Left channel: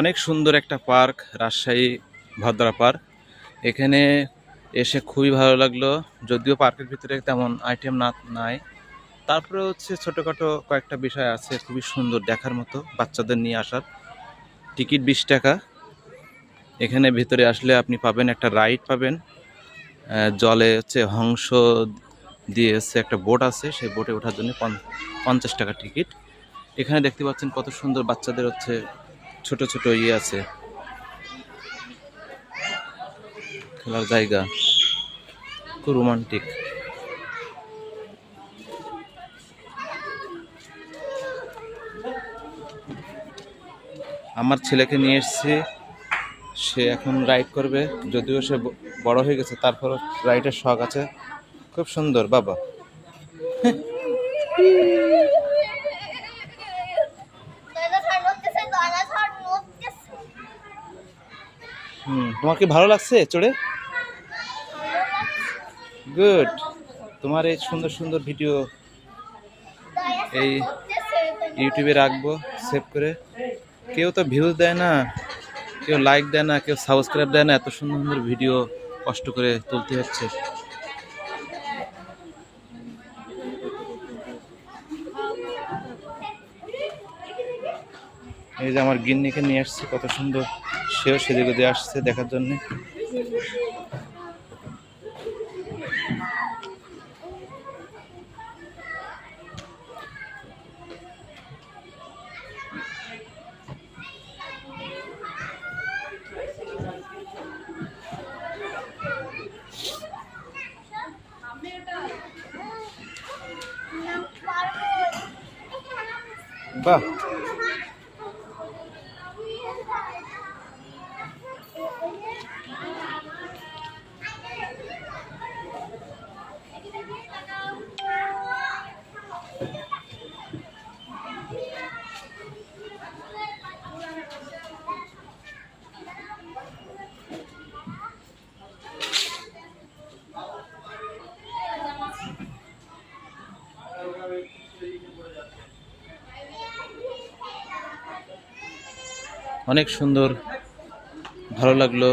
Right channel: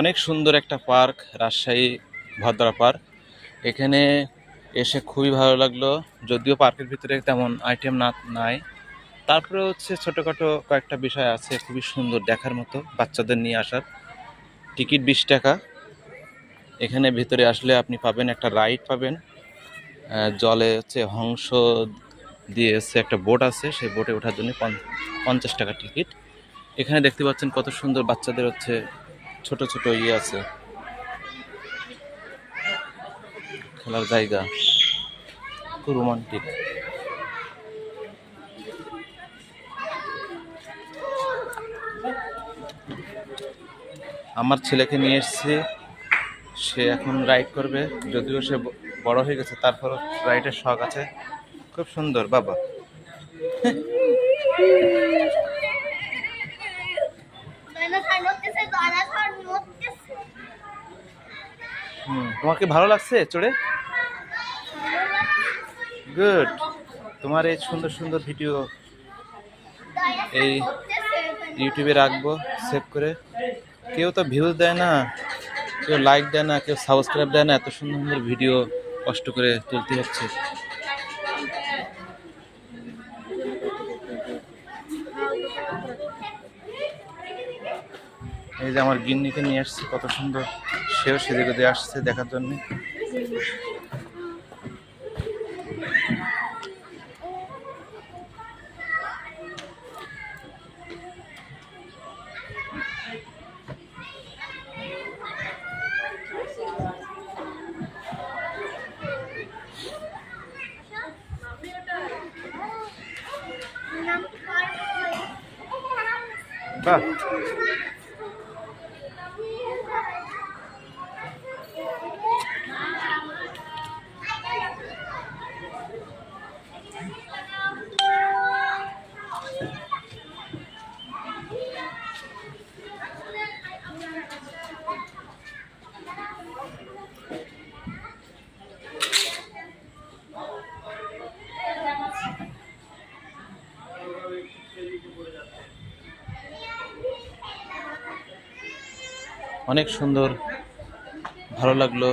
অনেক সুন্দর একটা পার্ক, রাজশাহী ভদ্রা পার্ক। এখানে এসে খুবই ভালো লাগলো। যদিও পার্কের ভিতরে তেমন আইটেম নাই, তারপরে হচ্ছে ছোটোখাটো কয়েকটা বিষয় আছে খুবই সুন্দর দেখার মতো, বাচ্চাদের নিয়ে আসার। টিকিট 20 টাকা। এখানে ভিতরে আসলে আপনি পাবেন একটা রাইড পাবেন, জলে হচ্ছে হংস দিয়ে হচ্ছে একটা বোট আছে, সেই বোটে ওঠার জন্য 50 টাকা টিকিট। এখানে দেখতে পাচ্ছেন কত সুন্দর বাচ্চাদের হচ্ছে ছোট ছোট আছে, খেলার জায়গা, খুব রোমান্টিক। আমার ছেলেকে নিয়ে এসেছি, সে এখন রাইড করবে। যদিও সে বড় হয়ে গেছে, তারপর রাইডের শখ আছে। খুব সুন্দর বাবা। তোমার কি ভালো লাগছে চড়ে? গুড। তোমার এই সুন্দর সুন্দর ভিডিও এই ইউটিউবে রাখবো সেভ করে। কেউ তো ভিউজ দেয় না, কেউ লাইক দেয় না, কেউ সাবস্ক্রাইব দেয় না। এত সুন্দর সুন্দর ভিডিও কষ্ট করে তুলতে হচ্ছে। এই যে আমার গিন্নিকে নিয়ে আসছে, কত সুন্দর, সেও সেদিকে দিয়ে আসছে দেখার জন্য। বাহ, অনেক সুন্দর, ভালো লাগলো।